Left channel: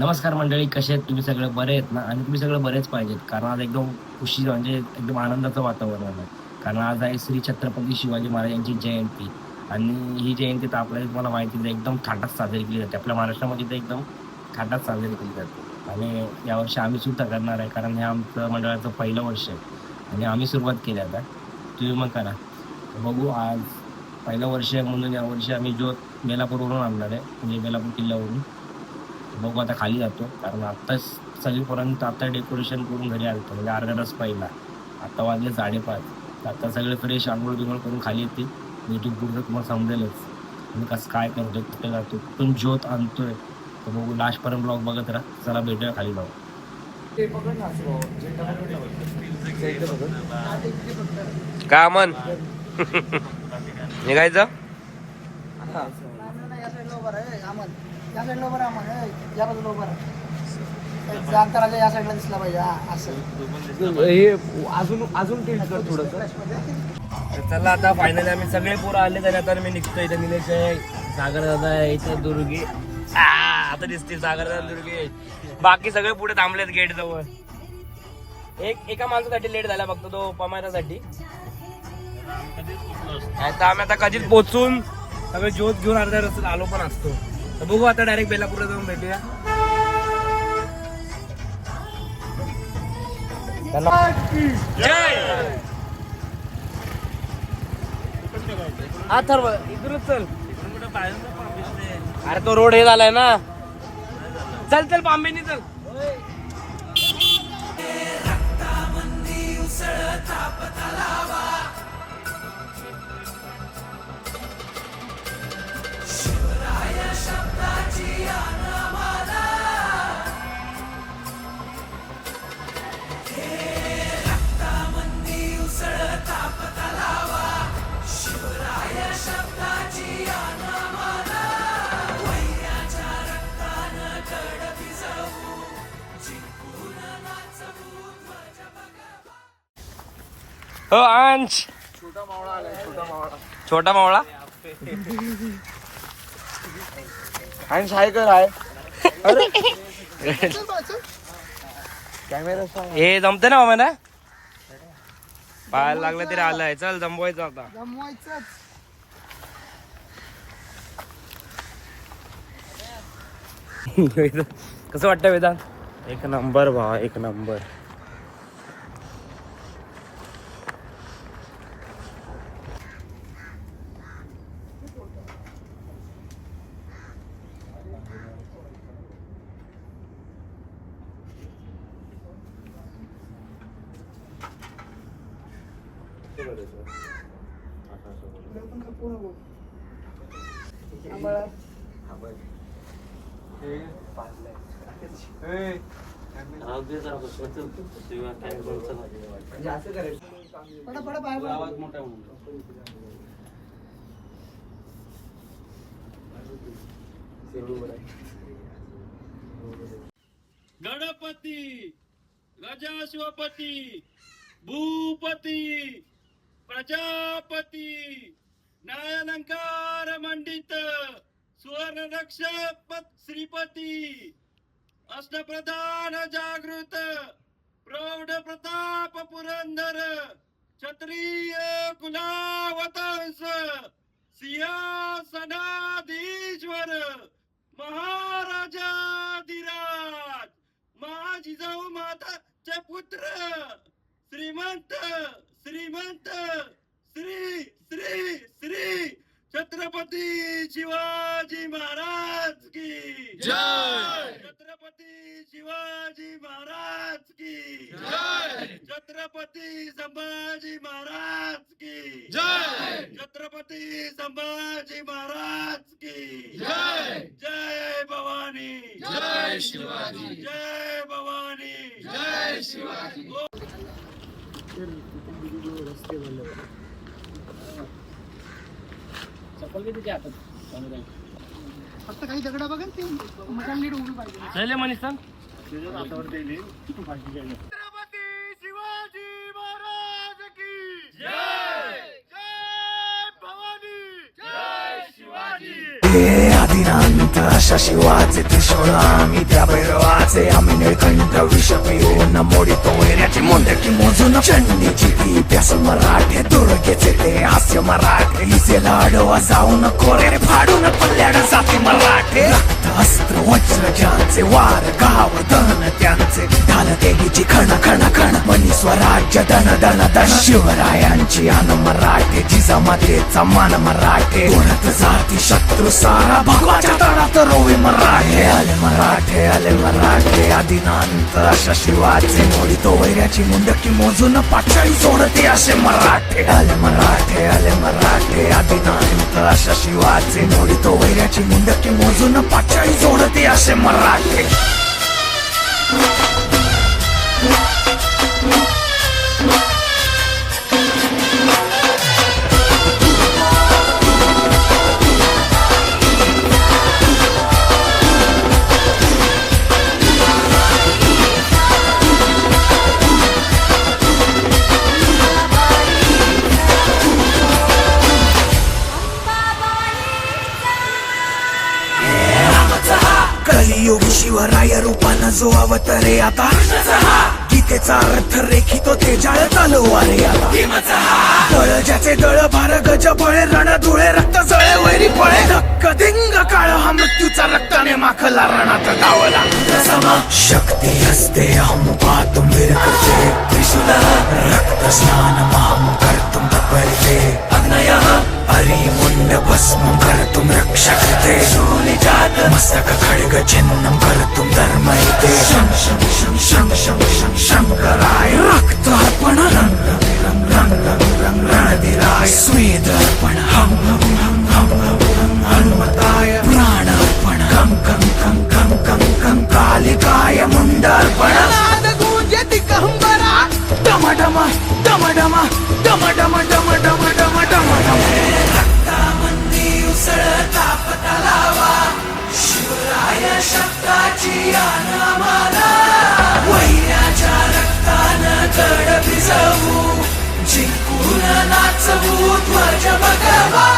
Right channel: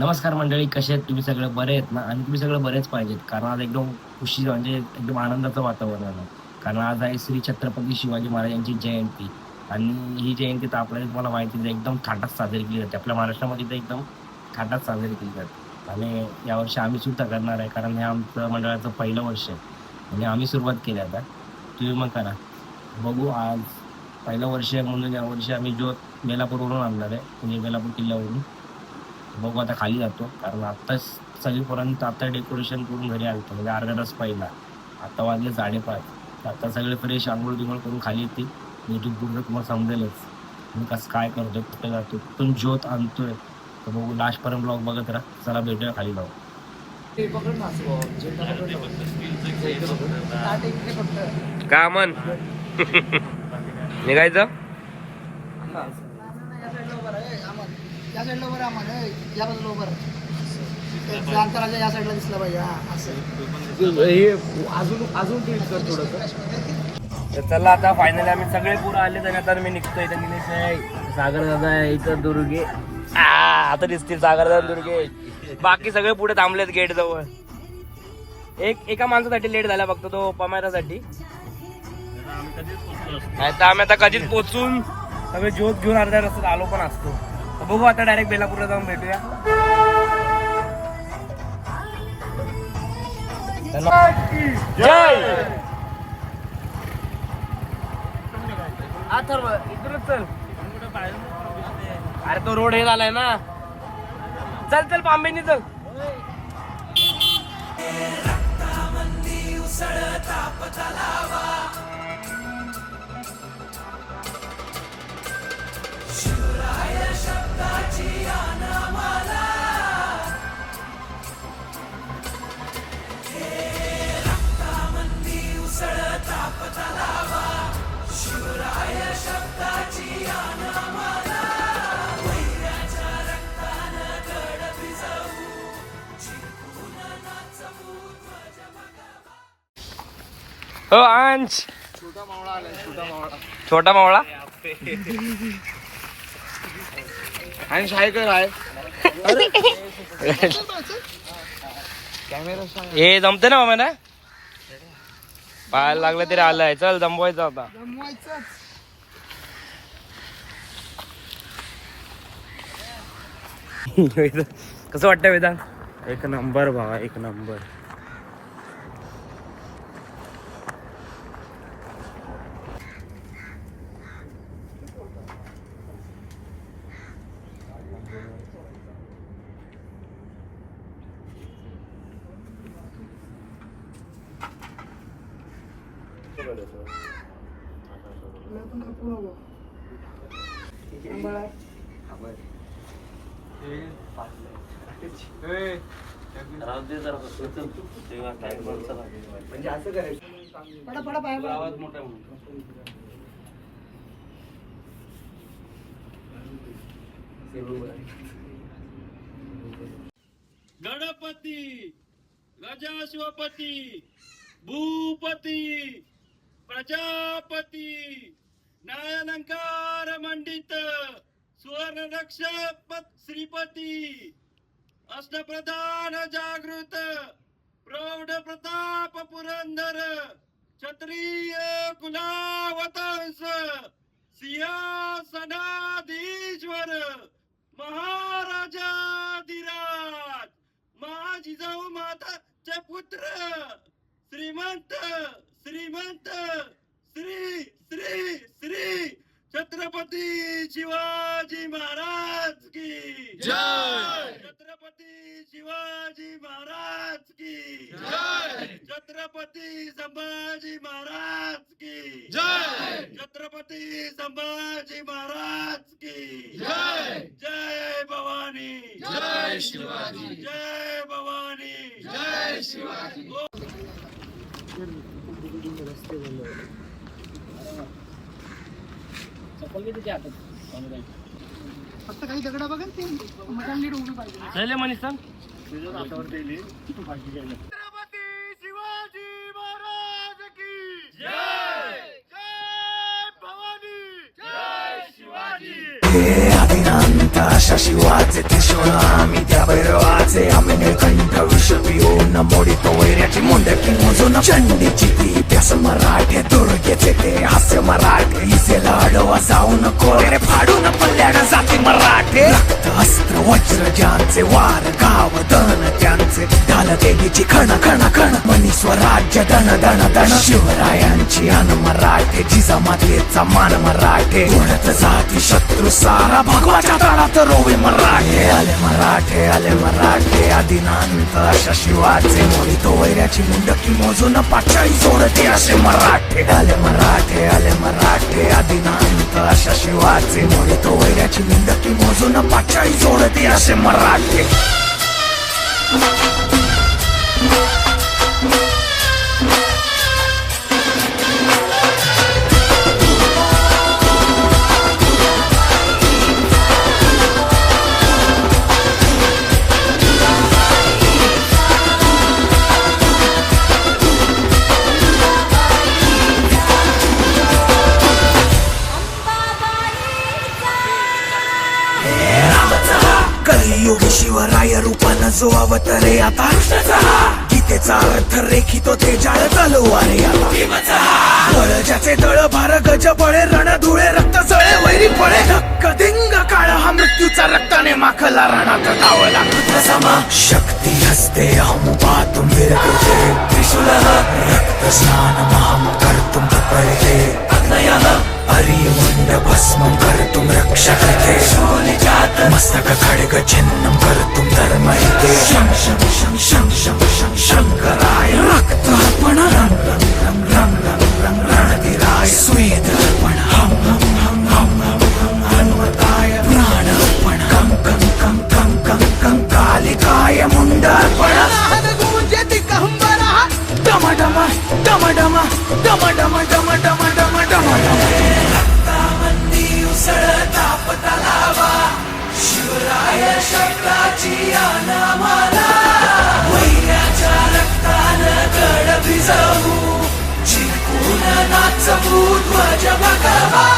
नमस्कार मंडळी, कसे आहेत तुम्ही? सगळे बरे आहेत ना? आणि तुम्ही सगळे बरेच पाहिजेत, कारण आज एकदम खुशी म्हणजे एकदम आनंदाचं वातावरण आहे. कारण आज आहे श्री छत्रपती शिवाजी महाराजांची जयंती. आणि ही जयंती तर आपल्याला तुम्हाला माहिती आहे एकदम थाटात साजरी केली जाते. आपल्या महाराष्ट्रामध्ये तर एकदम थाटात साजरी केली जाते. आणि यावर्षी आम्ही सुद्धा करणार आहे, कारण हे आमचं मंडळाचं पहिलं वर्ष आहे आणि आम्ही सुरुवात केली. आता तुम्ही मग करा, बघू. आज पहिलं वर्ष आहे म्हणून यावर्षी आम्ही ज्योत बेलापूरवरून आणणार आहे, म्हणजे बेलापूर किल्ल्यावरून. बघू आता खाली जातो, कारण आत्ताच सगळीपर्यंत आता डेकोरेशन करून घरी आलं म्हणजे अर्धा तास पहिला. आता वाजले 5:30. आता सगळे फ्रेश आंघोळ बिंघोळ करून खाली येतील. यूट्यूब पूर्ण तुम्हाला समजेलच मी कसं काय करतोय, कुठे जातो, कुठून ज्योत आणतोय. तर बघू, लास्टपर्यंत ब्लॉग बघत राहा. चला भेटूया खाली जाऊ. का मन निघायचं या साईडला उभं राहा, मग या बाजूला उभं राहा. अंतराच्या या साईडला दिसला पाहिजे. अजून तर चला, आता फायनली आम्ही सगळे पुरं आले. तरी आता मी निघतोय. इथं निलेश आहे, सागर दादा आहे, इथं दुर्गे. आता दिसतील सागर दादा, दुर्गे. बाकी सगळे पुढे थांबलेत गेट जवळ. एका माणसासाठी लेट झाला फक्त, तो पमायरासाठी. आता आम्ही आता कधीच पोचून सगळे ज्योत घेऊन अर्ध्या रस्त्यात आलो पण असतो. तर बघू आता डायरेक्ट बेलापूरला जाऊन भेटूया. जय अथर्व, इकडूनच चल. अरे तो रोड हे झालाय ना. चल चल, पांबेनी चल. हो अंश, छोटा मावळा आलाय. छोटा मावळा. अंश हाय कर आहे. कॅमेरा हे जमते ना मामा ना, पाहायला लागलं तरी आलंय. चल जमवायचं आता. जमवायचंच. कसं वाटतं वेदांत? एक नंबर भावा, एक नंबर. गणपती गजाशिवपती भूपती प्रजापती न्यायालंकार मंडित सुवर्ण रक्षक श्रीपती अष्टप्रधान जागृत प्रौढ प्रताप पुरंदर क्षत्रिय कुलावतंस सिंहासनाधीश्वर महाराजाधिराज महाजिजाऊ माताचे पुत्र श्रीमंत श्रीमंत श्री श्री श्री छत्रपती शिवाजी महाराज की जय. छत्रपती शिवाजी महाराज की जय. छत्रपती संभाजी महाराज की जय. छत्रपती संभाजी महाराज की जय. जय भवानी जय. जय भवानी जय शिवाजी चप्पल किती हातात फक्त काही दगड बघा ते मटण नीट उभी पाहिजे. चले मनीष सांग छत्रपती शिवाजी महाराज की जय जय भवानी जय शिवाजी आदिनांत अशा शिवाचे त्रिशूळ आम्ही त्या भैरवाचे आम्ही निळकंठ विष पिऊन मोडितो वैऱ्याची मुंडकी मोजून चंडीची ती प्यास मराठे दुर्गेचे ते हास्य मराठे इसेला अडवा जाऊन कोरे फाडून पल्ल्याड जाती मराठे रक्त अस्त्र वज्र ज्यांचे वार गाव दन त्यांचे ढाल देगीची खण खण खण मनी स्वराज्य दण दण दण शिवरायांची अन मराठे जिजामातेचा मान मराठे उडत जाती शत्रू सारा भगवाच्या तळात रोवे मराठे आले मराठे आदिनांत अशा शिवाचे मोडितो वैऱ्याची मुंडकी मोजून पाचाळी जोडते असे मराठे आले मराठे आदिनांत अशा शिवाचे मोडितो वैऱ्याची मुंडकी मोजून पाचाळी जोडते असे मराठे कलियुगी शिवराय रूपानं जो अवतरे आता गीतेचा अर्थ रेखितो ते जाळ तलवारे आला बळ ज्याचे दळ भार गज बळे रण धुळे रक्त जळे वैरी पळे धक्क दिंग काळ हा मृत्यूचा रक्ताने माखला रणात धावला शक्ती हस्ते हम पातुम वीर कृते रक्त स्नान महम कर्तुम तत्परिते हरि मुंड भस्मं कर्तुम रक्षा कृते मस्तक खड्ग छिन्नं कर्तुम धर्महिते शं शं शं शं शं शं शंकराय रक्त अर्पण रंग रंग रंग रंग रंग रंग रणधीराय स्वेद अर्पण हम हम हम हम हम हम हनुमताय प्राण अर्पण कं कं कं कं कं कं कालिकाय मुंड अर्पण नाद गूंजति कहंबरा डम डम डम डम डम डम डम डम डम डम डम रक्तामंदी उसळता पतलावा शिवराय शब्दाची अनामाला वैऱ्याच्या रक्तानं गड भिजवू जिंकून नाचवू ध्वज भगवा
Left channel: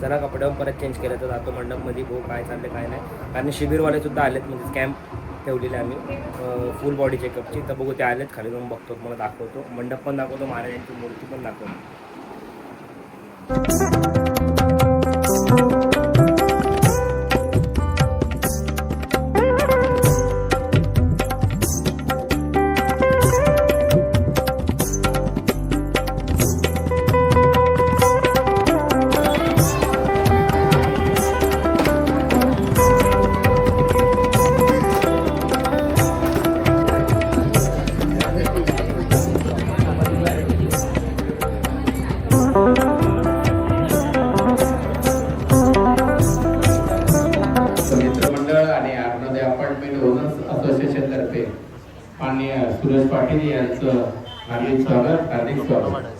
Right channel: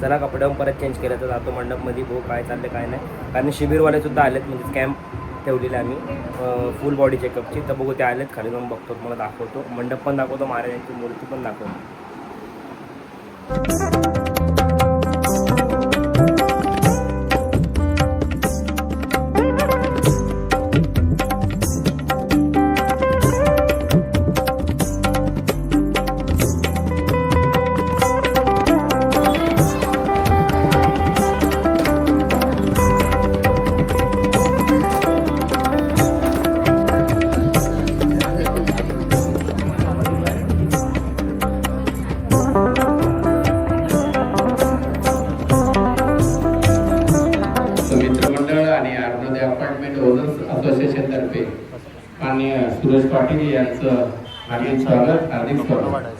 चला कपडे परत चेंज केलं तर जातो मंडपमध्ये भाऊ काय चाललं काय नाही कारण शिबिरवाले सुद्धा आलेत म्हणजे कॅम्प ठेवलेले आम्ही फुल बॉडी चेकअपची तर बघू ते आलेत खाली जाऊन बघतो मला दाखवतो मंडप पण दाखवतो महाराजांची मूर्ती पण दाखवतो असोसिएशन तर्फे माननीय सुरेश पाटील यांचं हार्दिक स्वागत.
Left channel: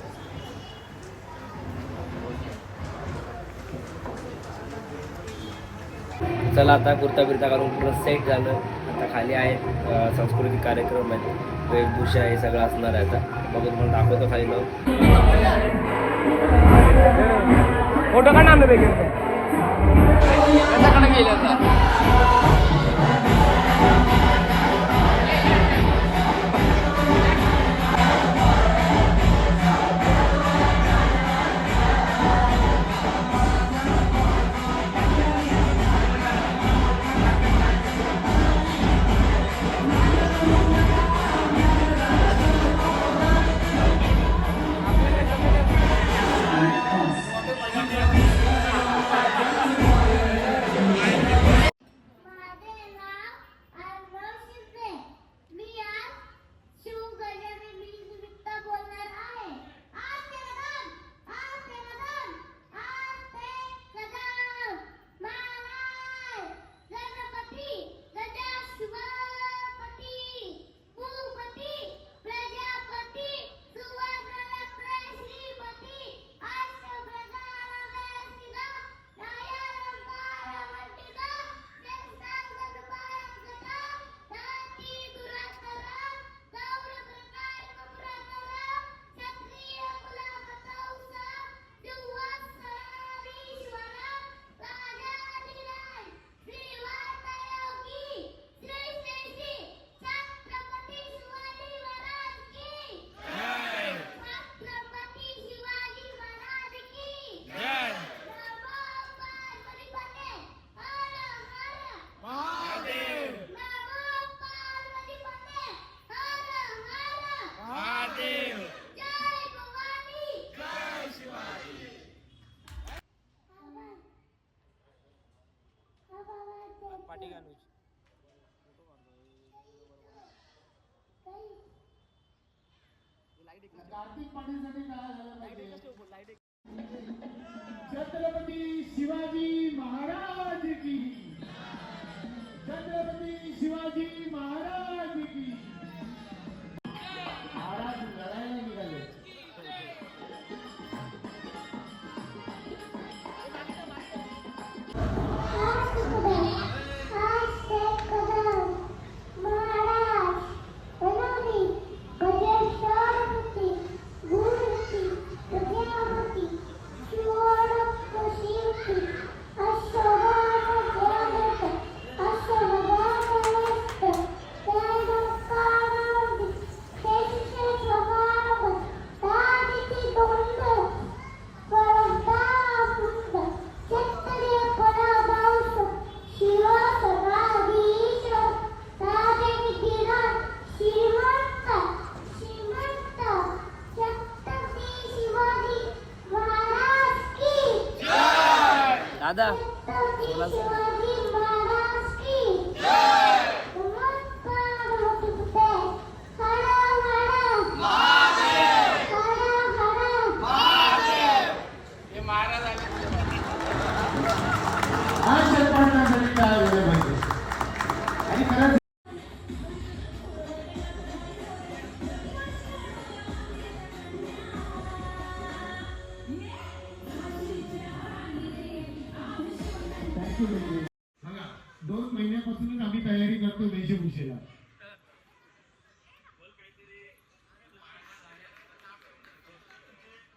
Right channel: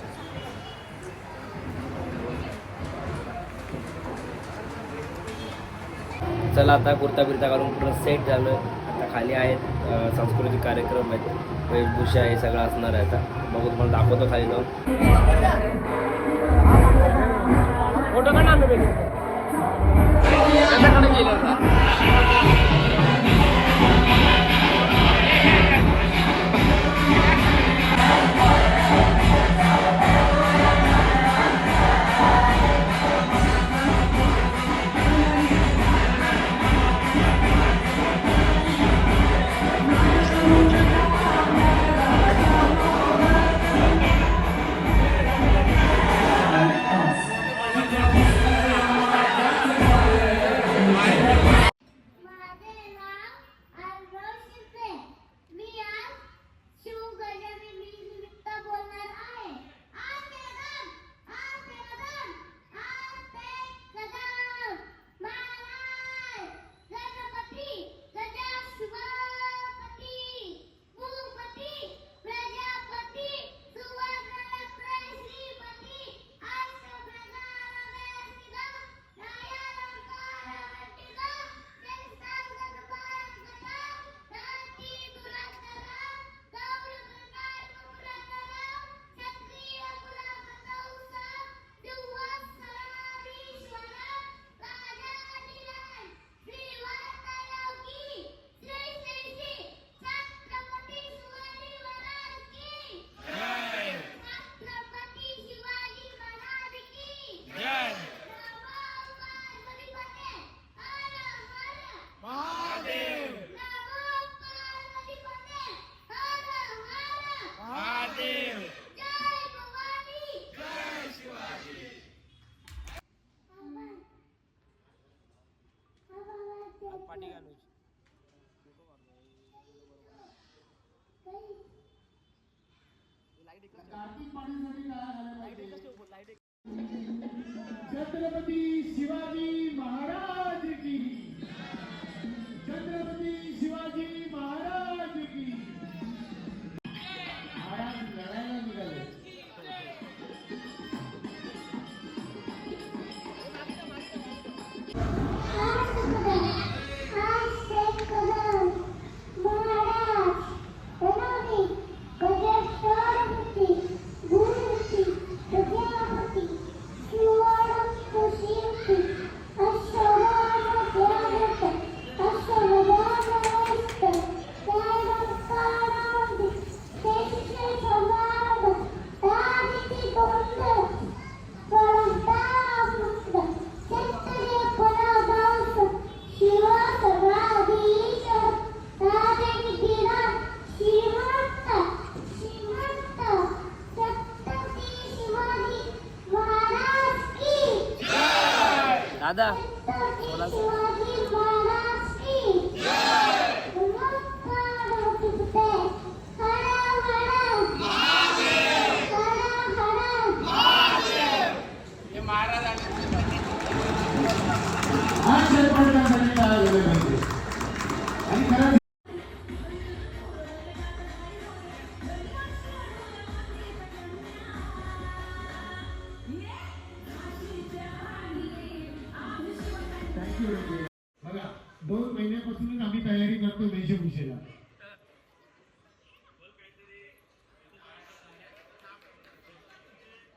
चला आता कुर्ता बिर्ता घालून पूर्ण सेट झालं. आता खाली आहे सांस्कृतिक कार्यक्रम आहेत, वेशभूषा हे सगळं असणार आहे आता. बघून मला दाखवतो खाली फोटो काढ आम्ही त्याच्याकडे गेल्याचा माझे नाव आरव शिंदे. मी आज शिवगजानन निमित्त बोलणार आहे. आज ते कदम महाराज गणपती गजा शिवपती भूपती प्रजापती सुवर्णरत्न श्रीपती आज छत्रपती शिवाजी महाराज की छत्रपती शिवाजी महाराज की छत्रपती शिवाजी महाराज की महाराज लढायला निघाले. दादा बघा 2 महिन्यापासूनच आम्ही तयारी करतो वेशभूषेला.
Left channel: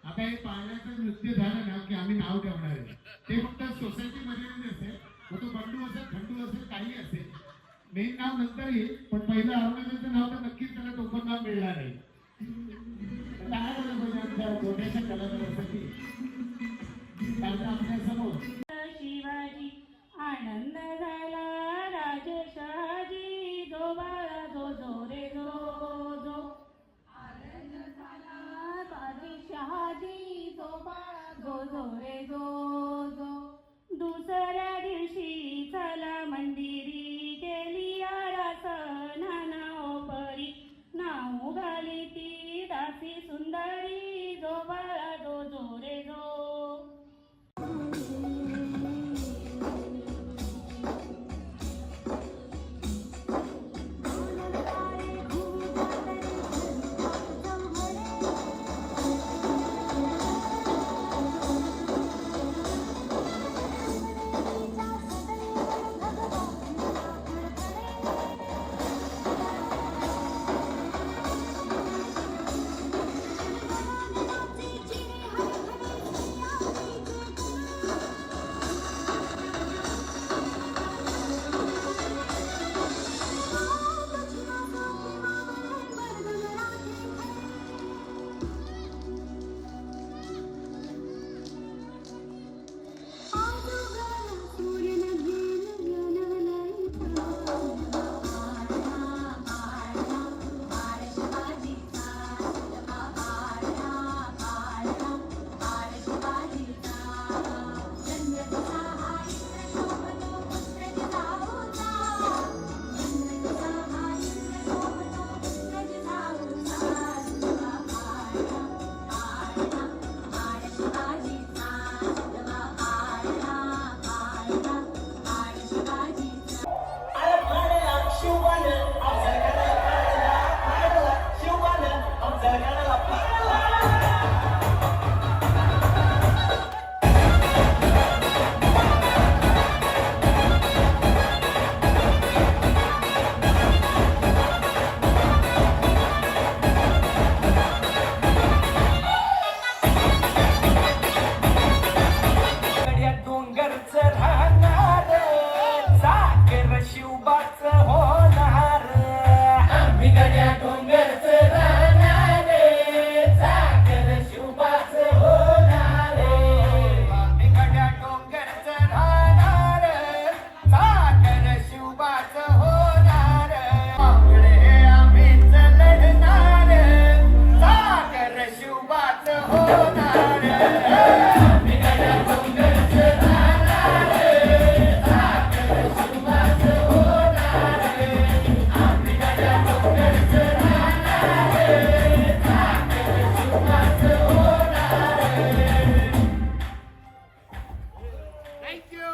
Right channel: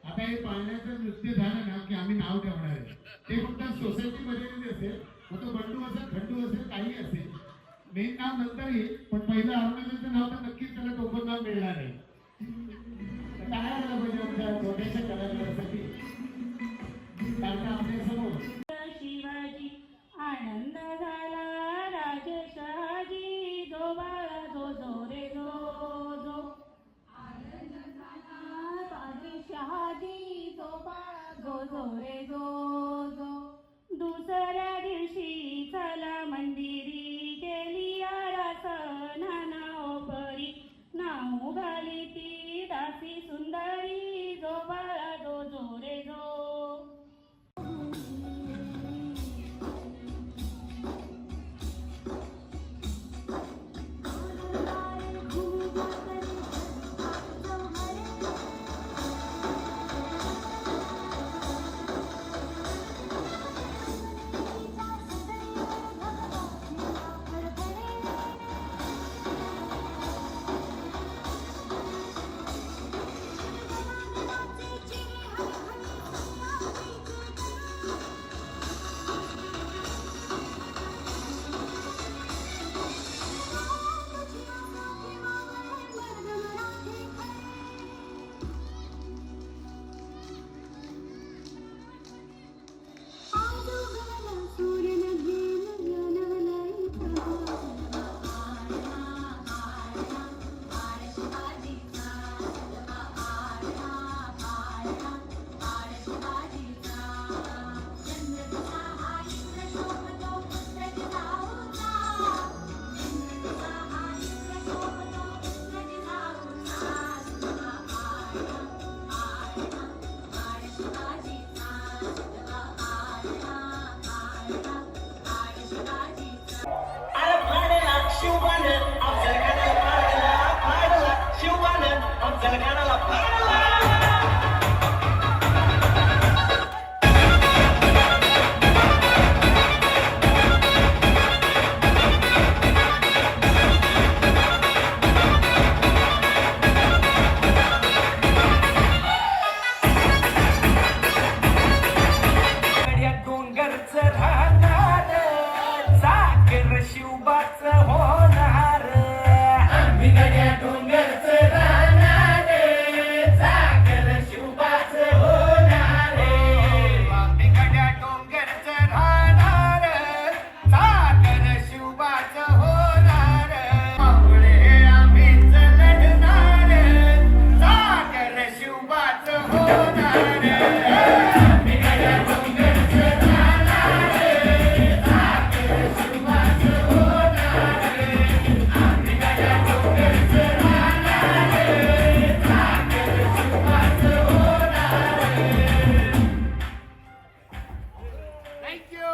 आता हे पाळण्याचं नृत्य झालं ना की आम्ही नाव ठेवणार आहे. ते फक्त सोसायटी मध्ये असेल, मग तो बंडू असेल, खंडू असेल, काही असेल. मेन नाव नंतर येईल, पण पहिलं औरंगजेबाचं नाव तर नक्कीच त्याला टोपण नाव मिळणार आहे. काय मला पाहिजे आमच्या डोनेशन करण्यासाठी आपल्या समोर शिवाजी आनंद झाला राजशहाजी जो बाळा जो जो रे जो जो आनंद झाला राजशहाजी जो बाळा जो जो रे जो जो दुसऱ्या दिवशी चला मंदिरी गेली आरासना नाव परी नाव घाली ती दासी सुंदरी जो बाळा जो जो रे जो थँक्यू